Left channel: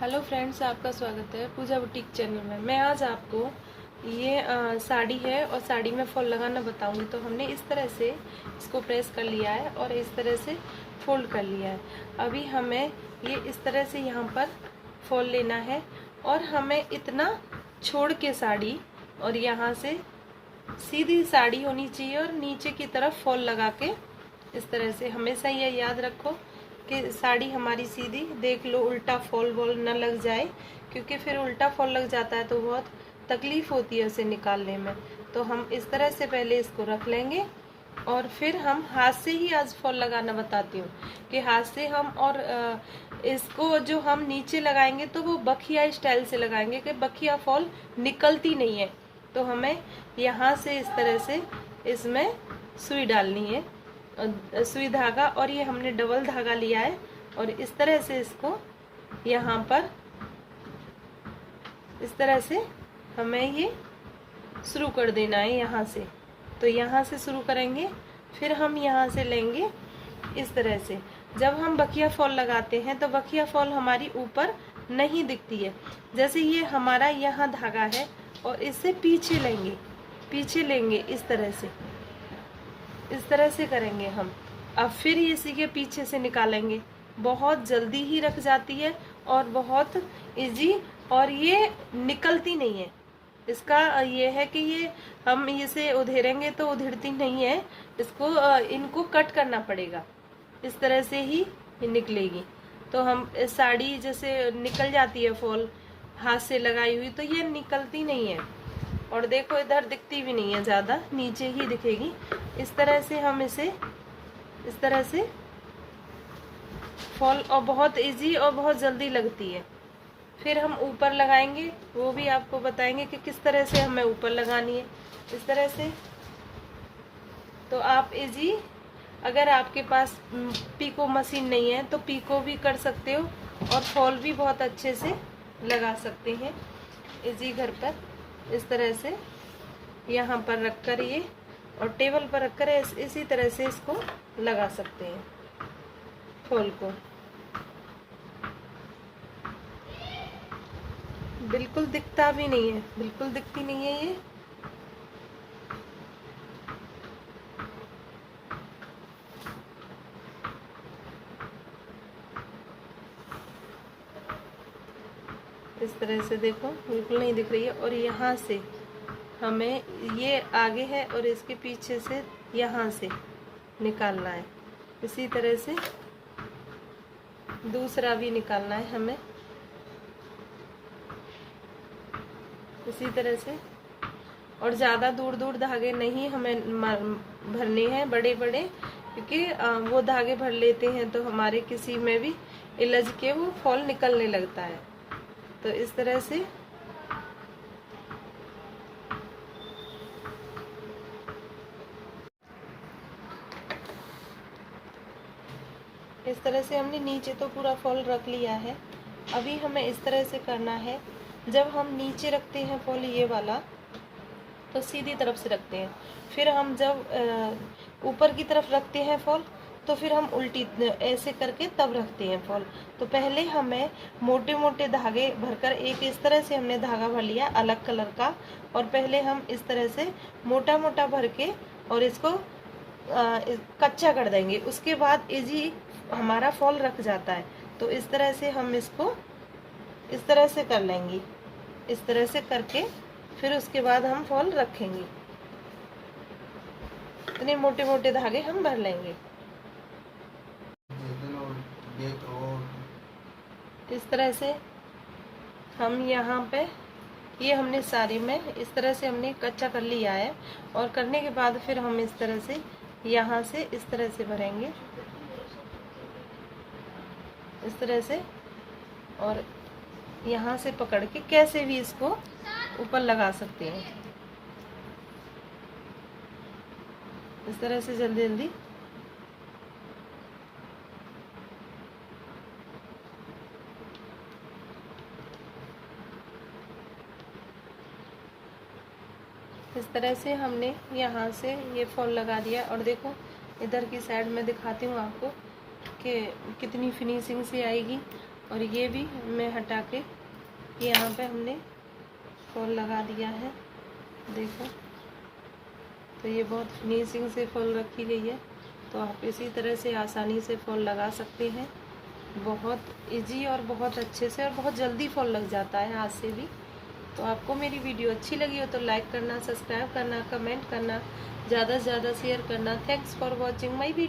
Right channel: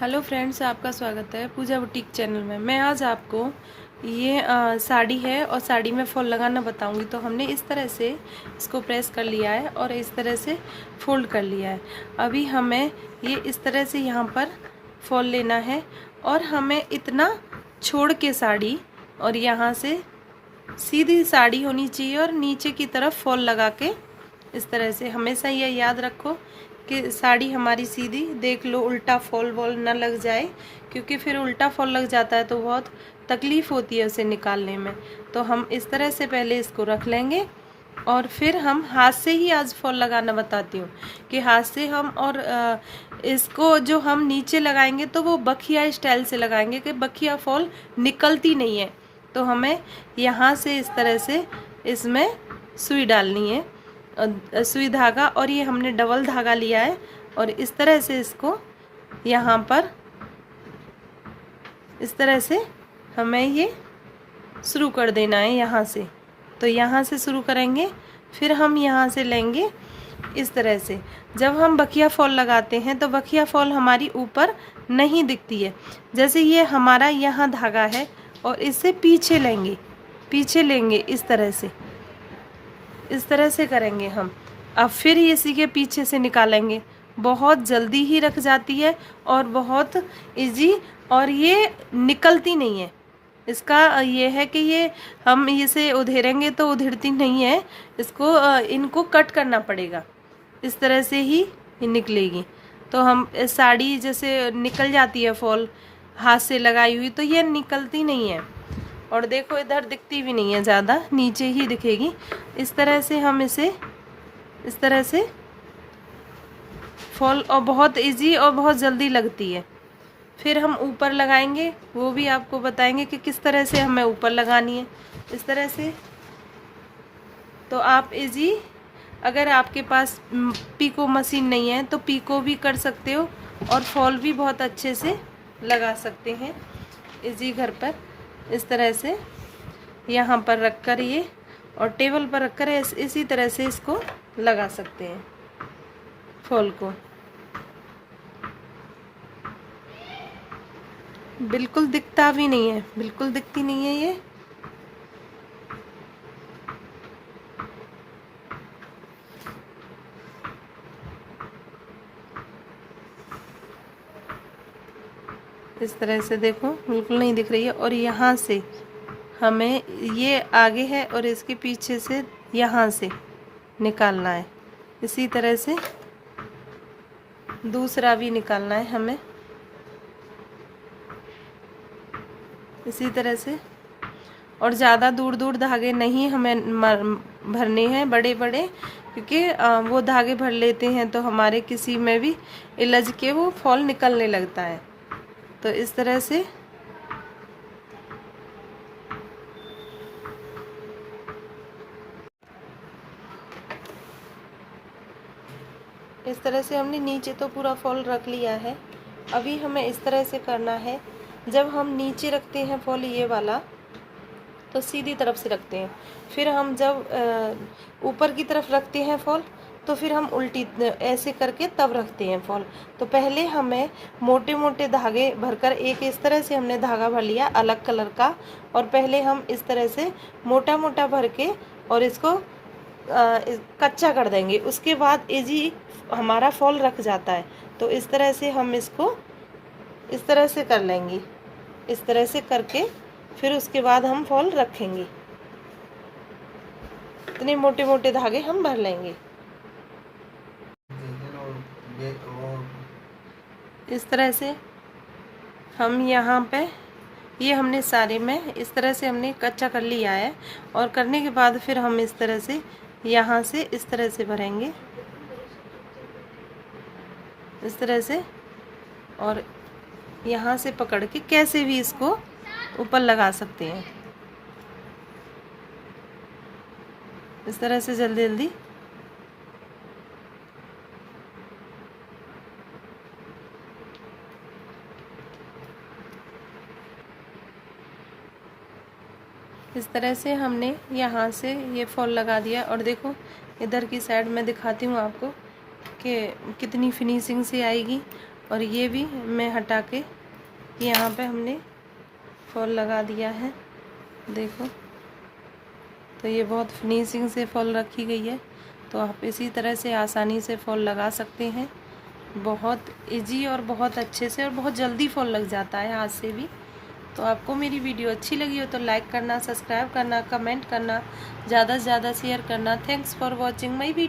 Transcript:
Hello friends, आपका स्वागत है पूजा बुटीक चैनल में। मैं आज आपको ये साड़ी है और साड़ी में फॉल लगाना बताऊंगी। तो हमने इस तरह से इसको प्रेस कर लिया है और इस तरह से फोल्ड कर लिया है। अभी हमें ये इस तरह से यहाँ पर फॉल लेना है और हमें इतना छोड़ के साड़ी और यहाँ से सीधी साड़ी होनी चाहिए और नीचे की तरफ फॉल लगा के इस तरह से। हमेशा ये याद रखो कि साड़ी हमारी सीधी, देख लो उल्टा फॉल वॉल न लग जाए, क्योंकि फिर उल्टा फॉल लग जाता है तो बहुत तकलीफ होती है उसे निकालने में। तो हम इस तरह से पहले इसको रख लेंगे और फिर हम हाथ से ही आज फॉल लगाना बताती हूँ कि हाथ से हम और इसको जो हम नीचे लगाएंगे तो वो बखिया स्टाइल से लगाएंगे कि बखिया फॉल निकलती नहीं है। तो हमें यहाँ से इस तरह से इसमें सुई डालनी है, सुई धागा, और ये हमने डबल धागा लिया है और इस तरह से इसको यहाँ पर इस तरह से हमें ये शुरू कर देना है यहाँ से। तो यहाँ से शुरू करेंगे, फिर हम यहाँ से लेंगे इस तरह से। जब हम बखिया फॉल लगाते हैं तो बखिया फॉल हमारी ऊपर नहीं दिखती है। जैसे ये हमारा यहाँ धागा है और इससे पीछे लेंगे इस तरह से करेंगे हम। अब फिर इसी के पीछे से निकालेंगे। बहुत जल्दी ही रख जाती है और बहुत इजी, और ये निकलती नहीं है। इसका ये है कि ये हम इसे उधेरेंगे तो उधेड़ती नहीं है, इसको इनको कट करना पड़ेगा। इस तरह से ही ये निकलेगी। तो हम साड़ी जैसे निकल जाती है फॉल हाथ से लगाई हुई, तो ये निकलती नहीं है। और देखो इधर दिखती भी नहीं है, ज़्यादा नीचे ही दिखेगी। इस तरह से हम इसे इस तरह से फॉल, और बहुत इजी और बहुत जल्दी लगती है। फिर हम ऊपर लगाएंगे, वो भी आपको बताएंगे कि किस तरह से हमें ऊपर लगानी है। इस तरह से तो आप इजी, अगर आपके पास पीको मशीन नहीं है तो पीको भी कर सकते हो और फॉल भी बहुत अच्छे से लगा सकते हैं इजी घर पर। इस तरह से यहाँ पर रख कर ये, और टेबल पर रख कर इसी तरह से इसको लगा सकते हैं फॉल को। बिल्कुल दिखता भी नहीं है, बिल्कुल दिखती नहीं है ये। इस तरह से देखो बिल्कुल नहीं दिख रही है। और यहाँ से हमें ये आगे है और इसके पीछे से यहाँ से निकालना है। इसी तरह से दूसरा भी निकालना है हमें इसी तरह से। और ज़्यादा दूर दूर धागे नहीं हमें भरने हैं, बड़े बड़े, क्योंकि वो धागे भर लेते हैं तो हमारे किसी में भी इलझ के वो फॉल निकलने लगता है। तो इस तरह से हमने नीचे तो पूरा फॉल रख लिया है। अभी हमें इस तरह से करना है, जब हम नीचे रखते हैं फॉल ये वाला तो सीधी तरफ से रखते हैं। फिर हम जब ऊपर की तरफ रखते हैं फॉल तो फिर हम उल्टी ऐसे करके तब रखते हैं फॉल। तो पहले हमें मोटे मोटे धागे भरकर, एक इस तरह से हमने धागा भर लिया अलग कलर का, और पहले हम इस तरह से मोटा मोटा भर के और इसको कच्चा कर देंगे। उसके बाद इजी हमारा फॉल रख जाता है। तो इस तरह से हम इसको इस तरह से कर लेंगे, इस तरह से करके फिर उसके बाद हम फॉल रखेंगे। इतने मोटे मोटे धागे हम भर लेंगे। इस तरह से हम यहाँ पे ये हमने सारे में इस तरह से हमने कच्चा कर लिया है। और करने के बाद फिर हम इस तरह से यहाँ से इस तरह से भरेंगे, इस तरह से, और यहाँ से पकड़ के कैसे भी इसको ऊपर लगा सकते हैं। इस तरह से जल्दी जल्दी इस तरह से हमने यहाँ से ये फॉल लगा दिया। और देखो इधर की साइड में दिखाती हूँ आपको कि कितनी फिनिशिंग से आएगी। और ये भी मैं हटा के यहाँ पे हमने फॉल लगा दिया है, देखो। तो ये बहुत फिनिशिंग से फॉल रखी गई है, तो आप इसी तरह से आसानी से फॉल लगा सकते हैं। बहुत इजी और बहुत अच्छे से और बहुत जल्दी फॉल लग जाता है हाथ से भी। तो आपको मेरी वीडियो अच्छी लगी हो तो लाइक करना, सब्सक्राइब करना, कमेंट करना, ज़्यादा से ज़्यादा शेयर करना। Thanks for watching my video.